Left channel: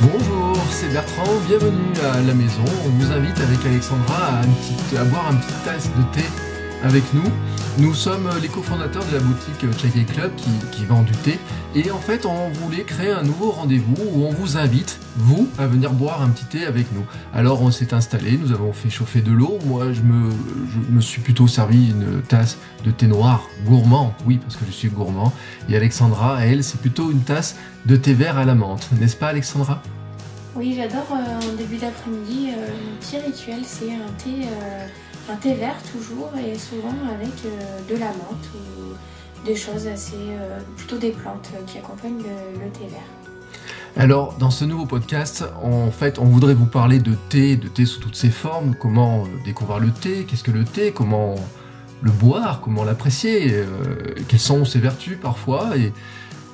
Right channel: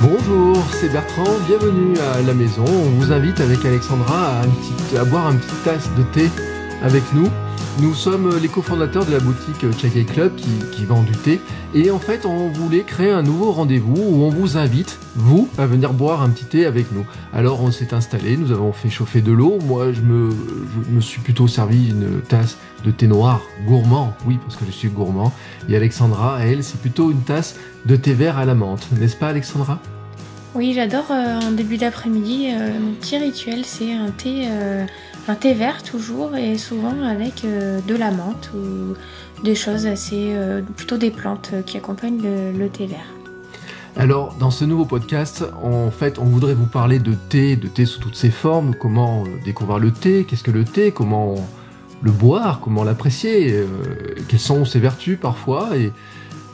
Bonjour, c'est Bertrand, bienvenue à la maison. On vous invite avec Alexandra à boire une petite tasse de thé avec nous. Nous sommes les cofondateurs de la boutique Chai Club qui vend du thé. Et en fait, on voulait créer un nouveau rendez-vous où on vous invite, vous, à venir boire un petit thé avec nous. Alors on s'est installé, nous avons fait chauffer de l'eau. Moi, je me suis plutôt servi une tasse de thé noir gourmand. Oui, parce que je suis gourmand. Et Alexandra, elle, c'est plutôt une tasse de thé vert à la menthe. N'est-ce pas, Alexandra ? Oui, j'adore en début d'après-midi. Mon petit rituel, c'est un thé vert toujours et souvent avec de la menthe ou des choses assez, plutôt des plantes qui accompagnent le thé vert. Alors, dans ce nouveau podcast, en fait, on voudrait vous parler de thé sous toutes ses formes, comment découvrir le thé, qu'est-ce que le thé, comment le boire, comment l'apprécier, quelles sont ses vertus parfois, et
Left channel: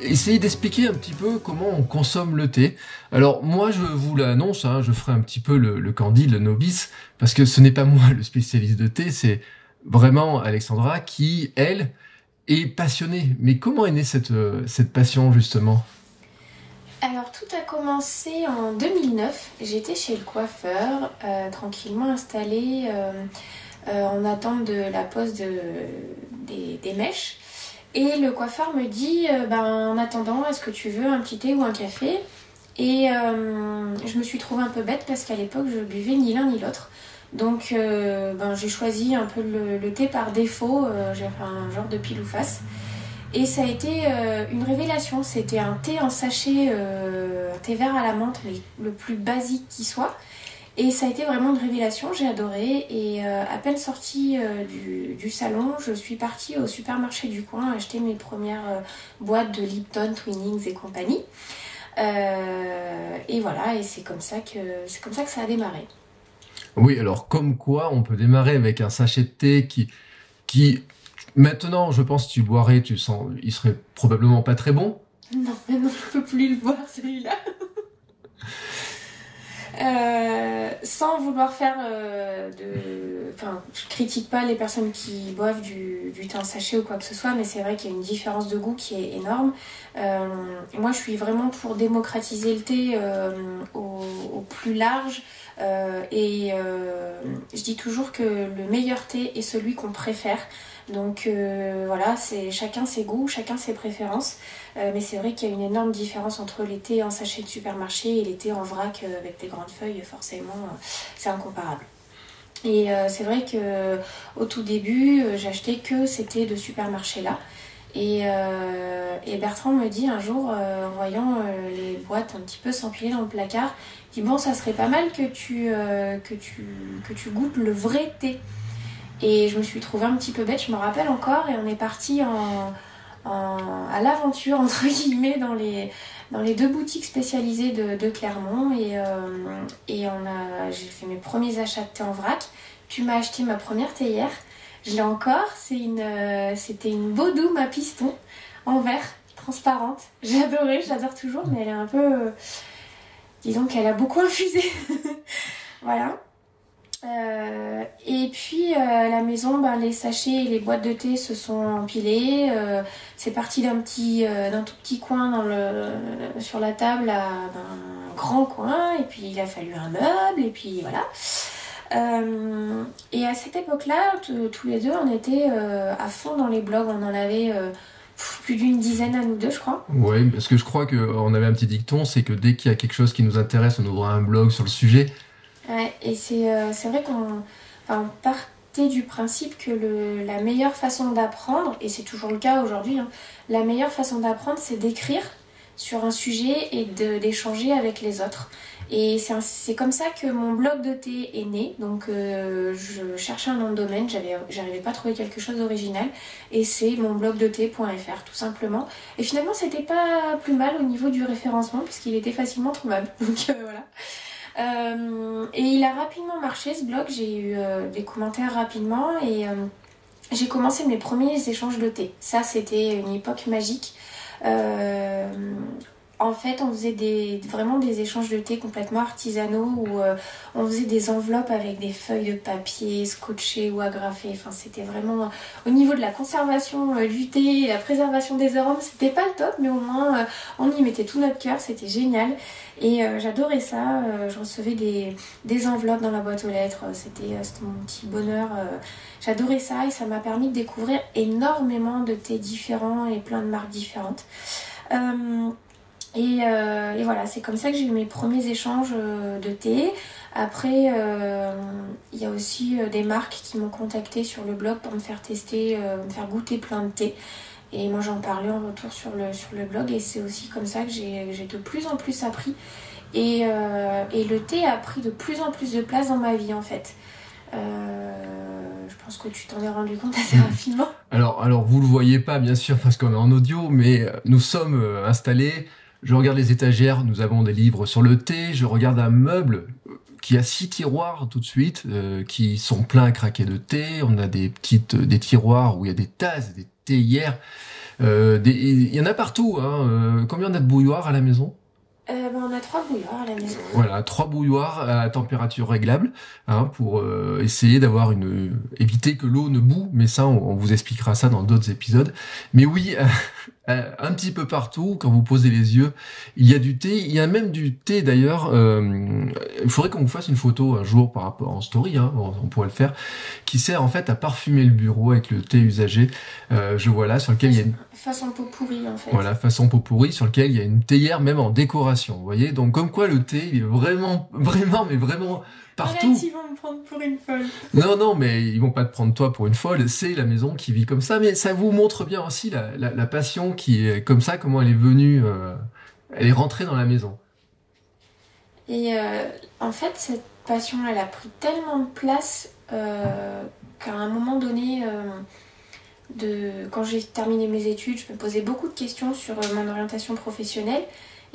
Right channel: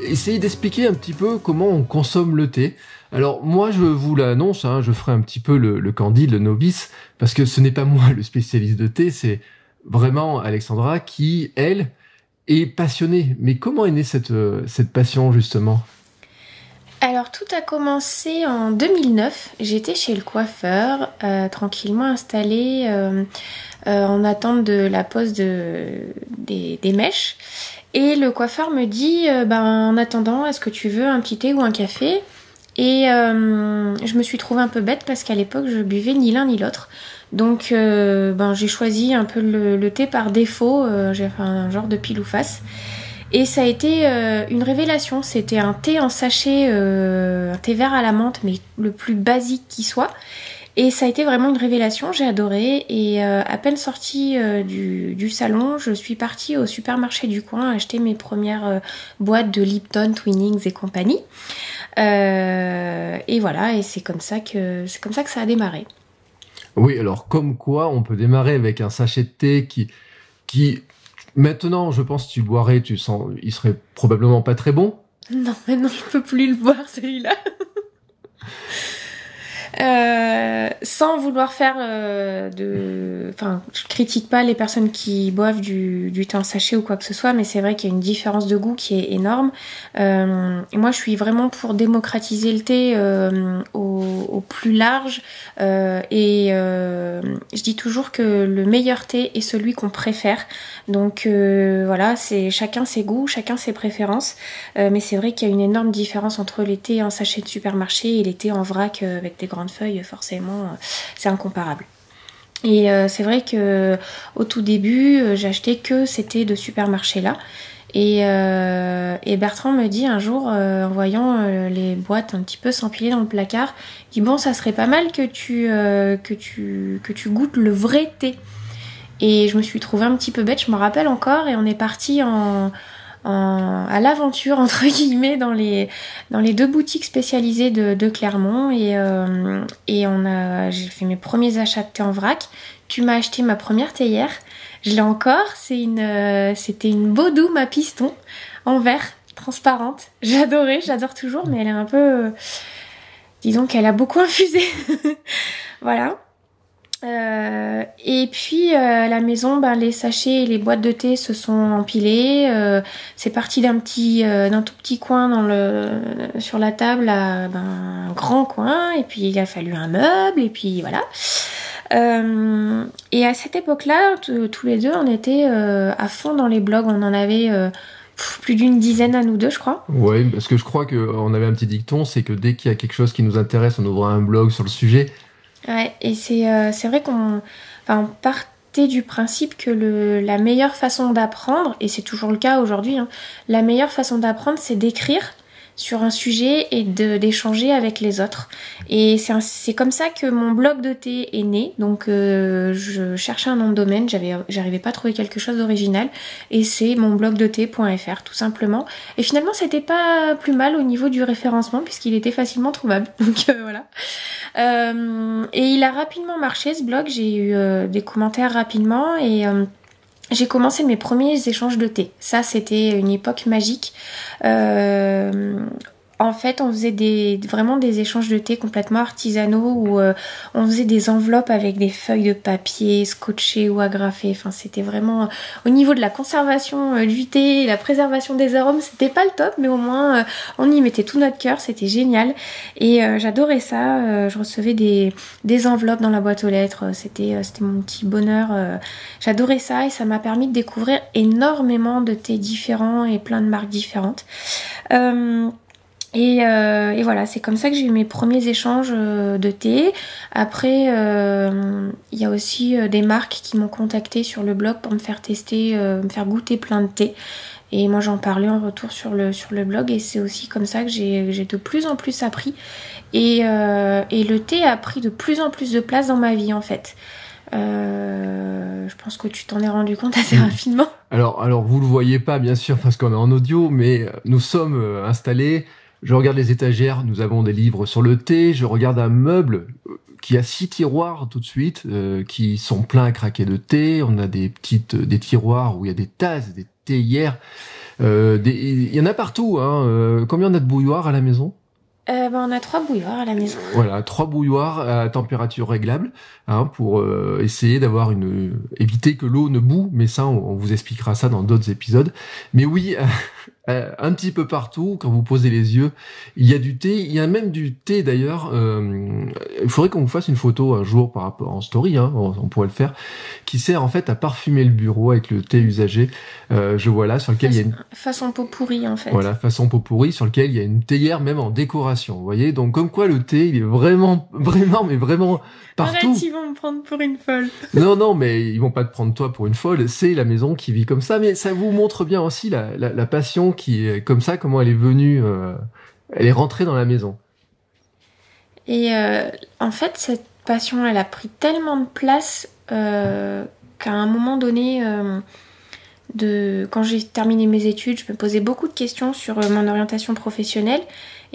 essayer d'expliquer un petit peu comment on consomme le thé. Alors moi je vous l'annonce, je ferai un petit peu le candide, le novice, parce que ce n'est pas moi le spécialiste de thé, c'est vraiment Alexandra qui, elle, est passionnée. Mais comment est née cette passion justement ? Alors tout a commencé en 2009, j'étais chez le coiffeur, tranquillement installée en attente de la pose des mèches. Et le coiffeur me dit, en attendant, est-ce que tu veux un petit thé ou un café ? Et je me suis trouvée un peu bête parce qu'à l'époque, je buvais ni l'un ni l'autre. Donc j'ai choisi un peu le thé par défaut, j'ai fait un genre de pile ou face. Et ça a été une révélation, c'était un thé en sachet, un thé vert à la menthe, mais le plus basique qui soit. Et ça a été vraiment une révélation, j'ai adoré. Et à peine sortie du salon, je suis partie au supermarché du coin acheter mes premières boîtes de Lipton, Twinings et compagnie. Et voilà, et c'est comme ça que ça a démarré. Oui, alors comme quoi on peut démarrer avec un sachet de thé qui maintenant, je pense, tu boirais, tu sens, il serait probablement pas très bon. Non, maintenant je peux plus le boire celui-là. Sans vouloir faire je critique pas les personnes qui boivent du thé en sachet ou quoi que ce soit, mais c'est vrai qu'il y a une différence de goût qui est énorme. Et moi je suis vraiment pour démocratiser le thé au plus large, et je dis toujours que le meilleur thé est celui qu'on préfère. Donc voilà, c'est chacun ses goûts, chacun ses préférences, mais c'est vrai qu'il y a une énorme différence entre les thés en sachet de supermarché et les thés en vrac avec des grandes feuilles, forcément c'est incomparable. Et c'est vrai que au tout début j'achetais que ces thés de supermarché là, et Bertrand me dit un jour en voyant les boîtes un petit peu s'empiler dans le placard, il dit bon, ça serait pas mal que tu goûtes le vrai thé. Et je me suis trouvée un petit peu bête, je me rappelle encore, et on est parti à l'aventure entre guillemets dans les deux boutiques spécialisées de Clermont, et j'ai fait mes premiers achats de thé en vrac. Tu m'as acheté ma première théière, je l'ai encore, c'était une Bodum à piston en verre, transparente. J'adore toujours, mais elle est un peu, disons qu'elle a beaucoup infusé. Voilà. Et puis à la maison, les sachets et les boîtes de thé se sont empilés. C'est parti d'un tout petit coin sur la table à un grand coin, et puis il a fallu un meuble, et puis voilà. Et à cette époque-là, tous les deux, on était à fond dans les blogs. On en avait plus d'une dizaine à nous deux, je crois. Oui, parce que je crois qu'on avait un petit dicton, c'est que dès qu'il y a quelque chose qui nous intéresse, on ouvre un blog sur le sujet. Ouais, et c'est vrai qu'on partait du principe que la meilleure façon d'apprendre, et c'est toujours le cas aujourd'hui, la meilleure façon d'apprendre, c'est d'écrire sur un sujet et d'échanger avec les autres. Et c'est comme ça que mon blog de thé est né. Donc je cherchais un nom de domaine, j'arrivais pas à trouver quelque chose d'original, et c'est monblogdethé.fr tout simplement. Et finalement c'était pas plus mal au niveau du référencement, puisqu'il était facilement trouvable. Donc voilà. Et il a rapidement marché ce blog, j'ai eu des commentaires rapidement, et j'ai commencé mes premiers échanges de thé. Ça, c'était une époque magique. En fait, on faisait vraiment des échanges de thé complètement artisanaux où on faisait des enveloppes avec des feuilles de papier scotchées ou agrafées. Enfin, c'était vraiment au niveau de la conservation du thé et la préservation des arômes, c'était pas le top, mais au moins on y mettait tout notre cœur, c'était génial. Et j'adorais ça. Je recevais des enveloppes dans la boîte aux lettres. C'était mon petit bonheur. J'adorais ça et ça m'a permis de découvrir énormément de thés différents et plein de marques différentes. Et voilà, c'est comme ça que j'ai eu mes premiers échanges de thé. Après, il y a aussi des marques qui m'ont contacté sur le blog pour me faire tester, me faire goûter plein de thé. Et moi, j'en parlais en retour sur le blog. Et c'est aussi comme ça que j'ai de plus en plus appris. Et le thé a pris de plus en plus de place dans ma vie, en fait. Je pense que tu t'en es rendu compte assez rapidement. Alors vous le voyez pas, bien sûr, parce qu'on est en audio, mais nous sommes installés. Je regarde les étagères, nous avons des livres sur le thé. Je regarde un meuble qui a 6 tiroirs tout de suite, qui sont pleins à craquer de thé. On a des tiroirs où il y a des tasses, des théières. Il y en a partout. Combien on a de bouilloires à la maison ? On a 3 bouilloires à la maison. Voilà, 3 bouilloires à température réglable, pour essayer d'avoir éviter que l'eau ne boue. Mais ça, on vous expliquera ça dans d'autres épisodes. Mais oui, un petit peu partout, quand vous posez les yeux, il y a du thé. Il y a même du thé d'ailleurs. Il faudrait qu'on vous fasse une photo un jour par rapport en story. On pourrait le faire, qui sert en fait à parfumer le bureau avec le thé usagé. Je vois là sur lequel il y a une façon pot pourri en fait. Voilà, façon pot pourri sur lequel il y a une théière même en décoration. Vous voyez, donc comme quoi le thé, il est vraiment partout. Arrête, ils vont me prendre pour une folle. Non, mais ils vont pas te prendre toi pour une folle. C'est la maison qui vit comme ça, mais ça vous montre bien aussi la passion qui est comme ça, comment elle est venue, elle est rentrée dans la maison. Et en fait, cette passion, elle a pris tellement de place qu'à un moment donné, quand j'ai terminé mes études, je me posais beaucoup de questions sur mon orientation professionnelle.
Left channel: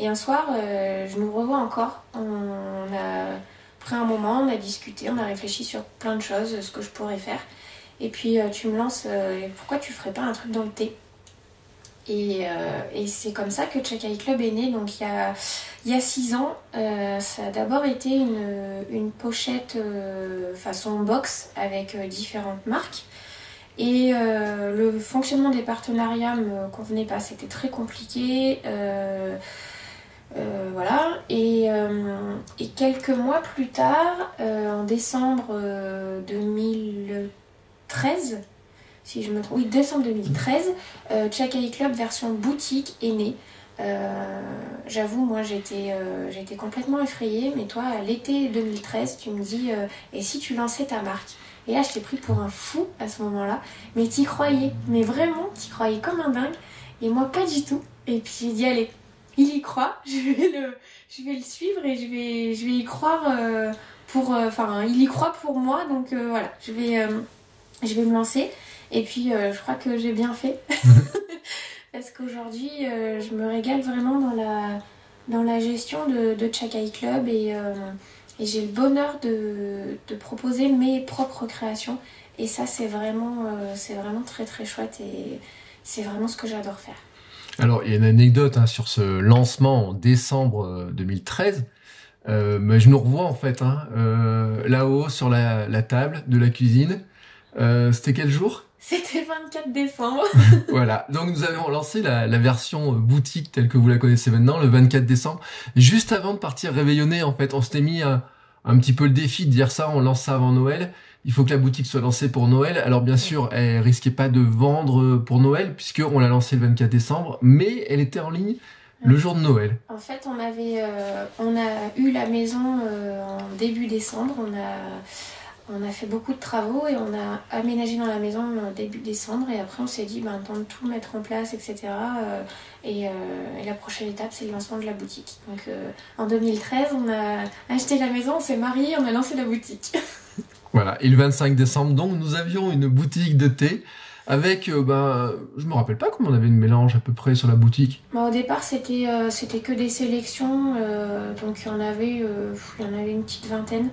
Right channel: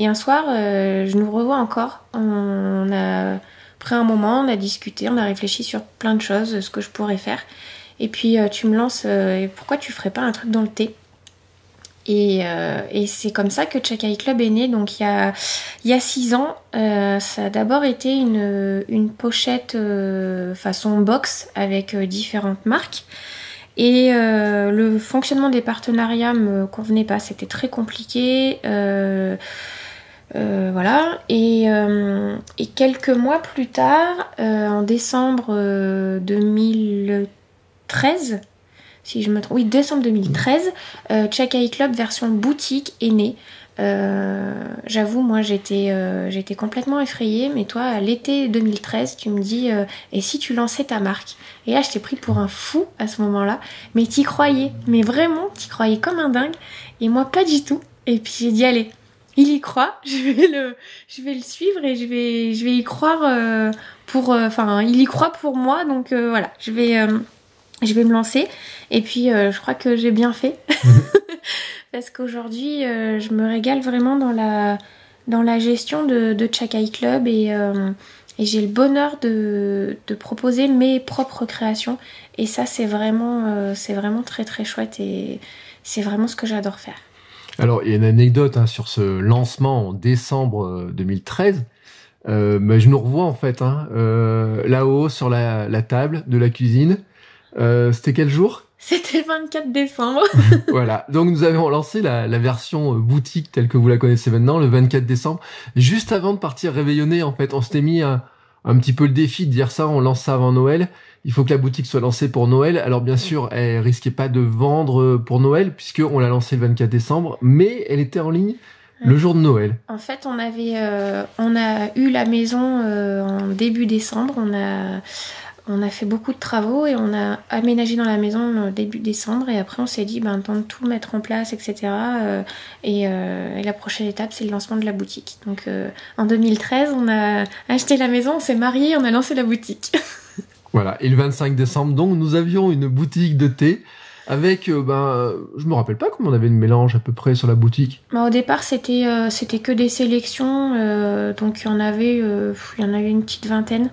Et un soir, je nous revois encore. On a pris un moment, on a discuté, on a réfléchi sur plein de choses, ce que je pourrais faire. Et puis tu me lances, pourquoi tu ferais pas un truc dans le thé ? Et c'est comme ça que Chakai Club est né. Donc il y a 6 ans, ça a d'abord été une pochette façon box avec différentes marques. Et le fonctionnement des partenariats me convenait pas, c'était très compliqué. Voilà. Et quelques mois plus tard, en décembre 2013, si je me trompe, oui, décembre 2013, Chakai Club version boutique est né. J'avoue, moi j'étais complètement effrayée, mais toi à l'été 2013 tu me dis et si tu lançais ta marque? Et là je t'ai pris pour un fou à ce moment-là, mais t'y croyais, mais vraiment t'y croyais comme un dingue, et moi pas du tout. Et puis j'ai dit allez, il y croit, je vais le suivre et je vais y croire il y croit pour moi, donc voilà, je vais me lancer. Et puis je crois que j'ai bien fait. Parce qu'aujourd'hui, je me régale vraiment dans la gestion de Chakai Club et j'ai le bonheur de proposer mes propres créations. Et ça, c'est vraiment très très chouette et c'est vraiment ce que j'adore faire. Alors, il y a une anecdote sur ce lancement en décembre 2013. Mais je nous revois en fait là-haut sur la table de la cuisine. C'était quel jour ? C'était le 24 décembre. Voilà, donc nous avons lancé la version boutique telle que vous la connaissez maintenant, le 24 décembre. Juste avant de partir réveillonner, en fait, on s'était mis un petit peu le défi de dire ça, on lance ça avant Noël. Il faut que la boutique soit lancée pour Noël. Alors bien sûr, elle risquait pas de vendre pour Noël, puisqu'on l'a lancée le 24 décembre, mais elle était en ligne le jour de Noël. En fait, on a eu la maison en début décembre, on a fait beaucoup de travaux et on a aménagé dans la maison début décembre et après on s'est dit temps de tout mettre en place, etc. Et la prochaine étape c'est le lancement de la boutique. Donc en 2013 on a acheté la maison, on s'est mariés, on a lancé la boutique. Voilà, et le 25 décembre donc nous avions une boutique de thé avec, je me rappelle pas combien on avait de mélange à peu près sur la boutique. Au départ c'était que des sélections, donc il y en avait une petite vingtaine.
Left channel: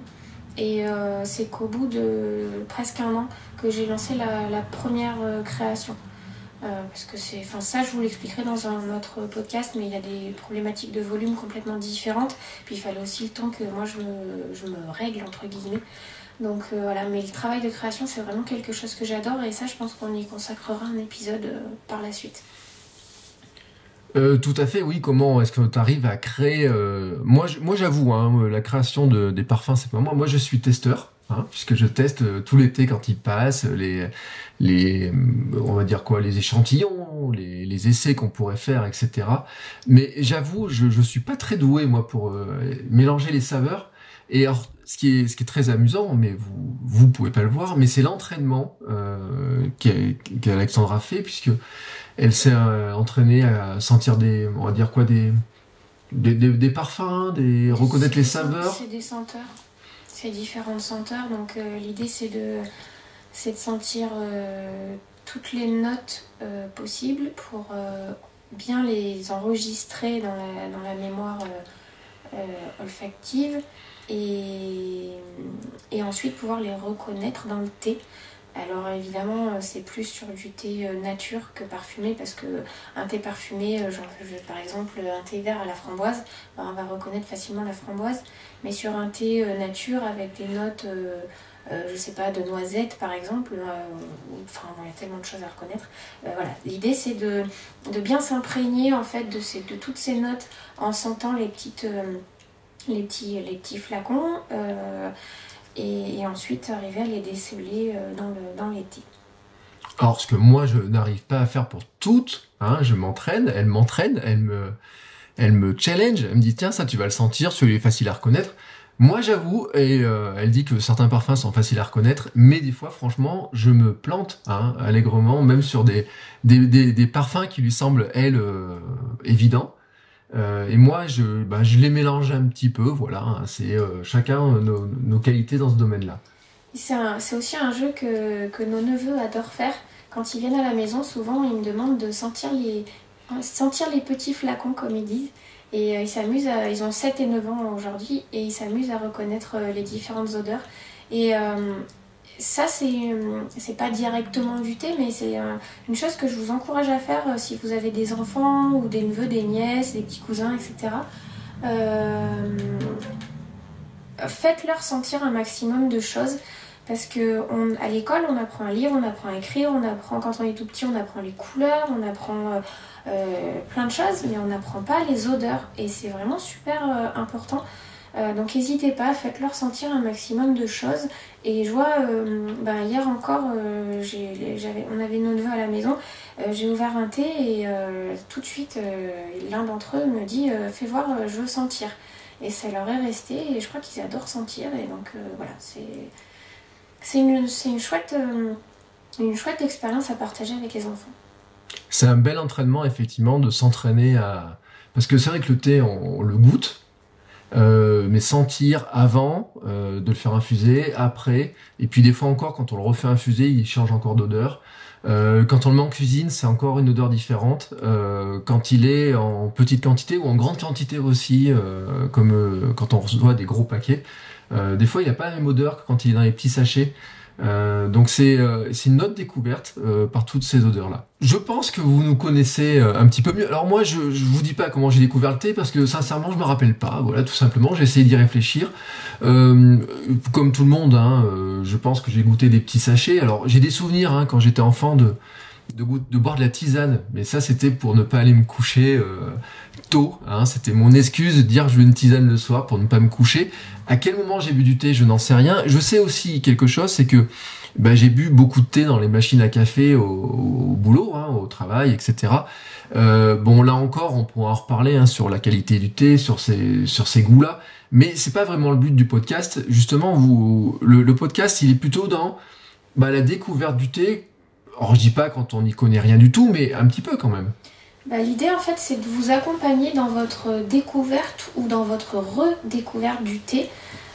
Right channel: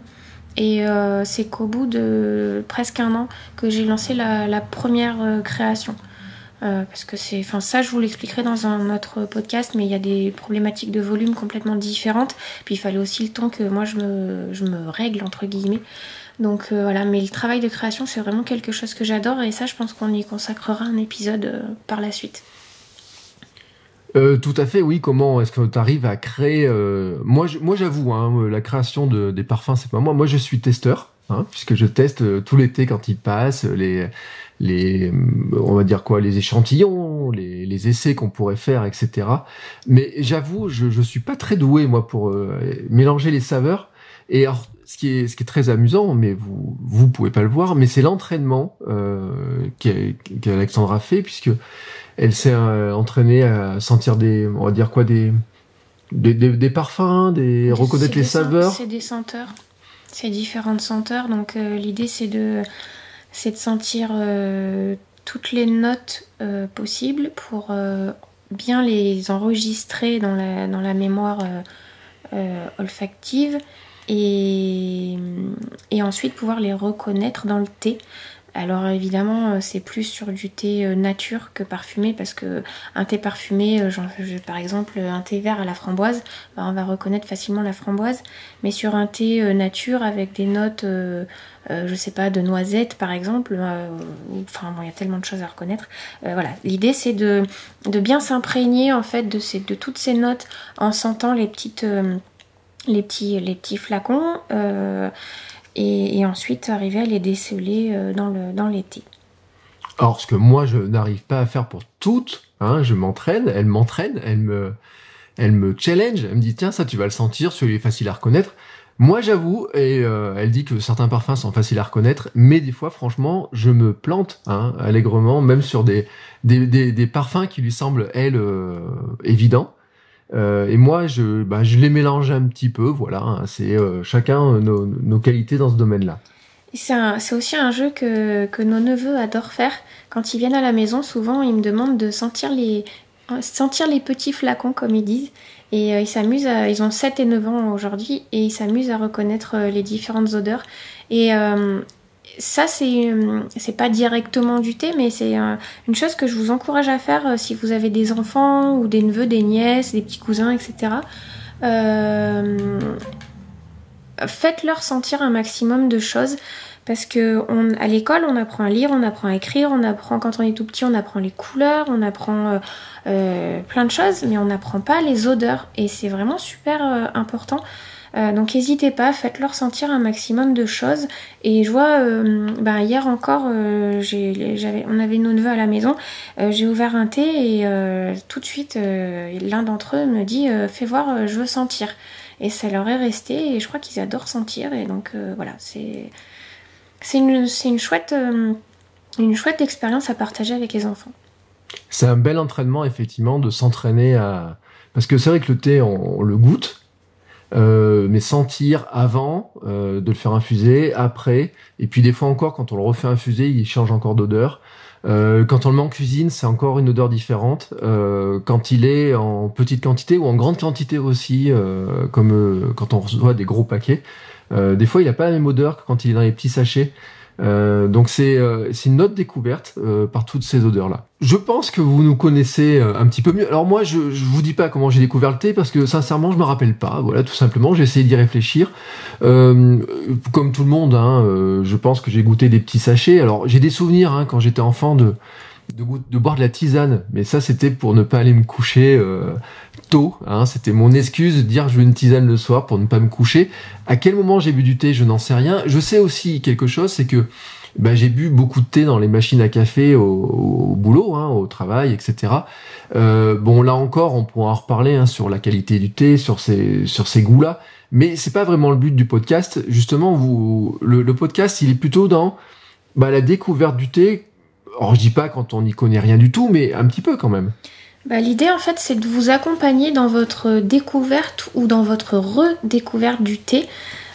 Et c'est qu'au bout de presque un an que j'ai lancé la première création. Parce que ça je vous l'expliquerai dans un autre podcast, mais il y a des problématiques de volume complètement différentes. Puis il fallait aussi le temps que moi je me règle entre guillemets. Donc voilà, mais le travail de création c'est vraiment quelque chose que j'adore et ça je pense qu'on y consacrera un épisode par la suite. Tout à fait, oui. Comment est-ce que tu arrives à créer moi j'avoue, hein, la création des parfums, c'est pas moi. Moi, je suis testeur, hein, puisque je teste tout l'été quand il passe on va dire quoi, les échantillons, les essais qu'on pourrait faire, etc. Mais j'avoue, je suis pas très doué moi pour mélanger les saveurs. Et alors, ce qui est très amusant, mais vous pouvez pas le voir, mais c'est l'entraînement qu'Alexandra fait, puisque elle s'est entraînée à sentir on va dire quoi, des parfums, reconnaître les saveurs. C'est des senteurs, c'est différentes senteurs. Donc l'idée c'est de sentir toutes les notes possibles pour bien les enregistrer dans la mémoire olfactive et ensuite pouvoir les reconnaître dans le thé. Alors évidemment c'est plus sur du thé nature que parfumé, parce que un thé parfumé, par exemple un thé vert à la framboise, on va reconnaître facilement la framboise, mais sur un thé nature avec des notes je sais pas, de noisettes par exemple, il y a tellement de choses à reconnaître. Voilà, l'idée c'est de bien s'imprégner en fait de toutes ces notes en sentant les petits flacons et ensuite arriver à les déceler dans les thés. Alors, ce que moi je n'arrive pas à faire pour toutes, hein, je m'entraîne, elle m'entraîne, elle me challenge, elle me dit tiens, ça tu vas le sentir, celui est facile à reconnaître. Moi j'avoue, et elle dit que certains parfums sont faciles à reconnaître, mais des fois franchement je me plante, hein, allègrement, même sur des parfums qui lui semblent elle évidents. Et moi je les mélange un petit peu, voilà, hein, c'est chacun nos qualités dans ce domaine-là. C'est aussi un jeu que nos neveux adorent faire. Quand ils viennent à la maison, souvent ils me demandent de sentir les petits flacons comme ils disent. Et ils s'amusent ils ont 7 et 9 ans aujourd'hui et ils s'amusent à reconnaître les différentes odeurs. Et ça c'est pas directement du thé, mais c'est une chose que je vous encourage à faire si vous avez des enfants ou des neveux, des nièces, des petits cousins, etc. Faites-leur sentir un maximum de choses. Parce que à l'école, on apprend à lire, on apprend à écrire, on apprend, quand on est tout petit, on apprend les couleurs, on apprend plein de choses, mais on n'apprend pas les odeurs. Et c'est vraiment super important. Donc n'hésitez pas, faites-leur sentir un maximum de choses. Et je vois, hier encore, on avait nos neveux à la maison, j'ai ouvert un thé et tout de suite, l'un d'entre eux me dit « fais voir, je veux sentir ». Et ça leur est resté et je crois qu'ils adorent sentir. Et donc voilà, c'est une chouette expérience à partager avec les enfants. C'est un bel entraînement, effectivement, de s'entraîner à... Parce que c'est vrai que le thé, on le goûte, mais sentir avant, de le faire infuser, après, et puis des fois encore, quand on le refait infuser, il change encore d'odeur. Quand on le met en cuisine, c'est encore une odeur différente. Quand il est en petite quantité ou en grande quantité aussi, comme quand on reçoit des gros paquets, des fois il n'a pas la même odeur que quand il est dans les petits sachets. Donc c'est une autre découverte par toutes ces odeurs-là. Je pense que vous nous connaissez un petit peu mieux. Alors moi, je vous dis pas comment j'ai découvert le thé parce que sincèrement, je me rappelle pas. Voilà, tout simplement, j'ai essayé d'y réfléchir. Comme tout le monde, hein, je pense que j'ai goûté des petits sachets. Alors j'ai des souvenirs hein, quand j'étais enfant de boire de la tisane, mais ça c'était pour ne pas aller me coucher tôt, hein, c'était mon excuse de dire je veux une tisane le soir pour ne pas me coucher. À quel moment j'ai bu du thé, je n'en sais rien. Je sais aussi quelque chose, c'est que j'ai bu beaucoup de thé dans les machines à café au boulot, hein, au travail, etc. Là encore, on pourra en reparler hein, sur la qualité du thé, sur ces goûts-là, mais c'est pas vraiment le but du podcast. Justement, le podcast, il est plutôt dans la découverte du thé. Alors je dis pas quand on n'y connaît rien du tout, mais un petit peu quand même. L'idée en fait c'est de vous accompagner dans votre découverte ou dans votre redécouverte du thé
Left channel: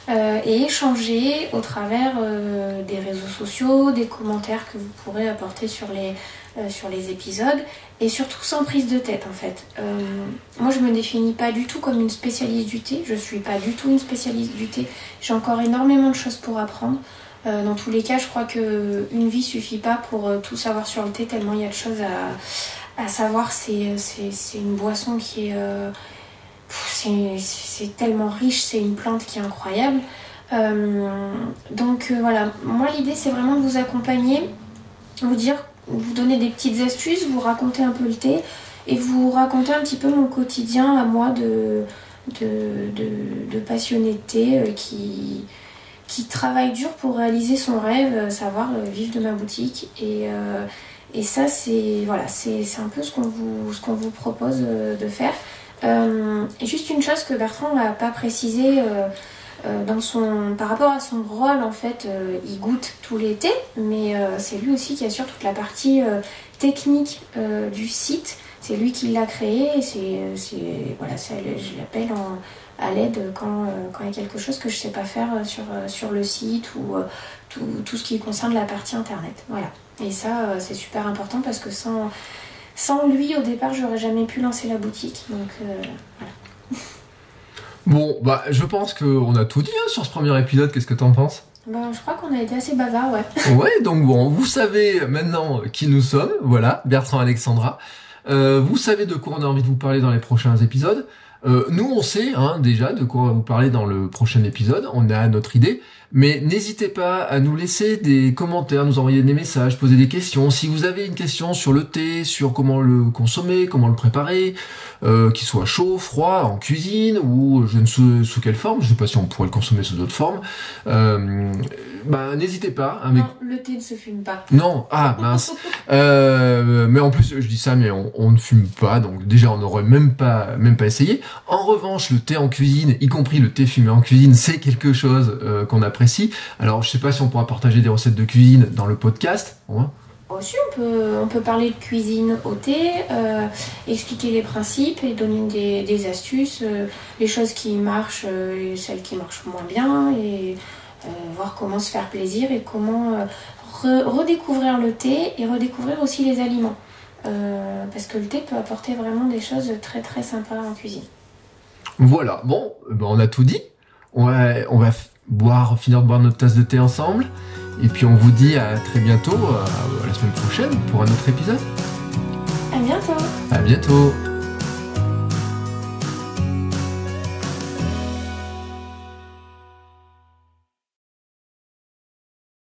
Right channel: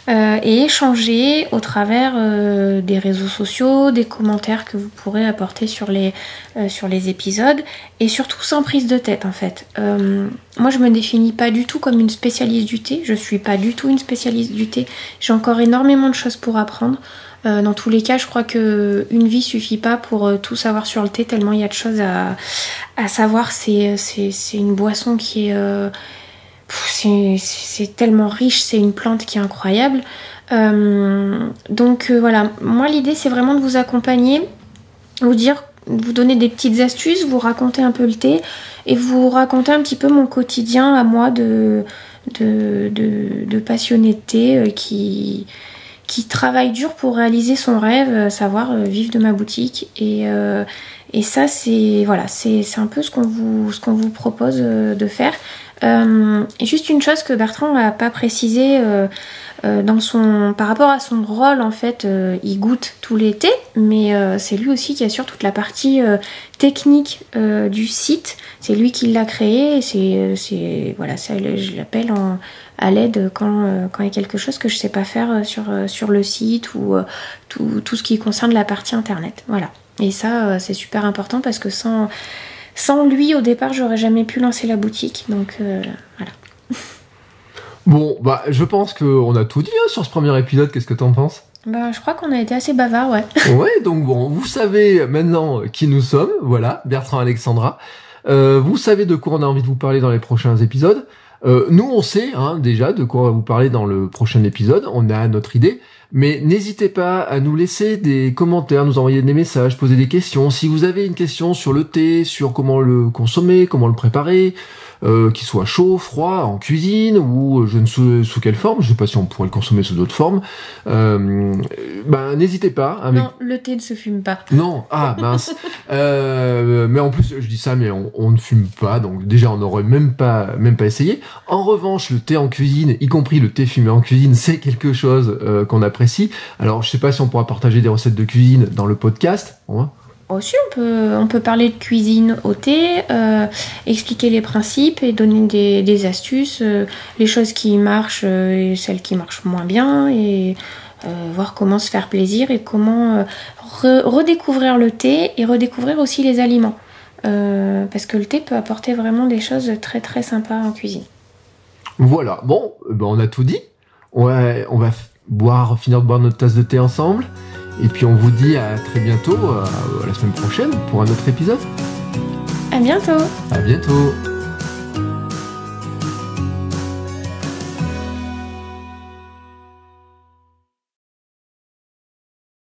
et échanger au travers des réseaux sociaux, des commentaires que vous pourrez apporter sur les épisodes et surtout sans prise de tête en fait. Moi je me définis pas du tout comme une spécialiste du thé, je suis pas du tout une spécialiste du thé, j'ai encore énormément de choses pour apprendre. Dans tous les cas, je crois que une vie suffit pas pour tout savoir sur le thé, tellement il y a de choses à savoir. C'est une boisson qui est... c'est tellement riche, c'est une plante qui est incroyable. Donc voilà, moi l'idée c'est vraiment de vous accompagner, vous donner des petites astuces, vous raconter un peu le thé et vous raconter un petit peu mon quotidien à moi de passionné de thé qui travaille dur pour réaliser son rêve, savoir vivre de ma boutique. Et ça c'est un peu ce qu'on vous propose de faire. Et juste une chose que Bertrand n'a pas précisé par rapport à son rôle, en fait, il goûte tous les thés, mais c'est lui aussi qui assure toute la partie technique du site. C'est lui qui l'a créé, et je l'appelle à l'aide quand il y a quelque chose que je sais pas faire sur le site ou tout ce qui concerne la partie internet. Voilà. Et ça, c'est super important parce que sans lui, au départ, j'aurais jamais pu lancer la boutique. Donc voilà. Bon, je pense qu'on a tout dit sur ce premier épisode. Qu'est-ce que t'en penses ? Je crois qu'on a été assez bavard, ouais. Ouais, donc bon, vous savez maintenant qui nous sommes. Voilà, Bertrand, Alexandra. Vous savez de quoi on a envie de vous parler dans les prochains épisodes. Nous, on sait déjà de quoi on va vous parler dans le prochain épisode. On a notre idée. Mais n'hésitez pas à nous laisser des commentaires, nous envoyer des messages, poser des questions. Si vous avez une question sur le thé, sur comment le consommer, comment le préparer, qu'il soit chaud, froid, en cuisine, ou je ne sais sous quelle forme, je sais pas si on pourrait le consommer sous d'autres formes, n'hésitez pas. Non, le thé ne se fume pas. Non, mince. Mais en plus, je dis ça, mais on ne fume pas, donc déjà on n'aurait même pas essayé. En revanche, le thé en cuisine, y compris le thé fumé en cuisine, c'est quelque chose qu'on apprécie. Alors, je sais pas si on pourra partager des recettes de cuisine dans le podcast. Aussi, on peut parler de cuisine au thé, expliquer les principes et donner des astuces, les choses qui marchent et celles qui marchent moins bien, et voir comment se faire plaisir et comment redécouvrir le thé et redécouvrir aussi les aliments. Parce que le thé peut apporter vraiment des choses très très sympas en cuisine. Voilà, bon, on a tout dit. On va finir de boire notre tasse de thé ensemble. Et puis on vous dit à très bientôt, à la semaine prochaine pour un autre épisode. À bientôt. À bientôt.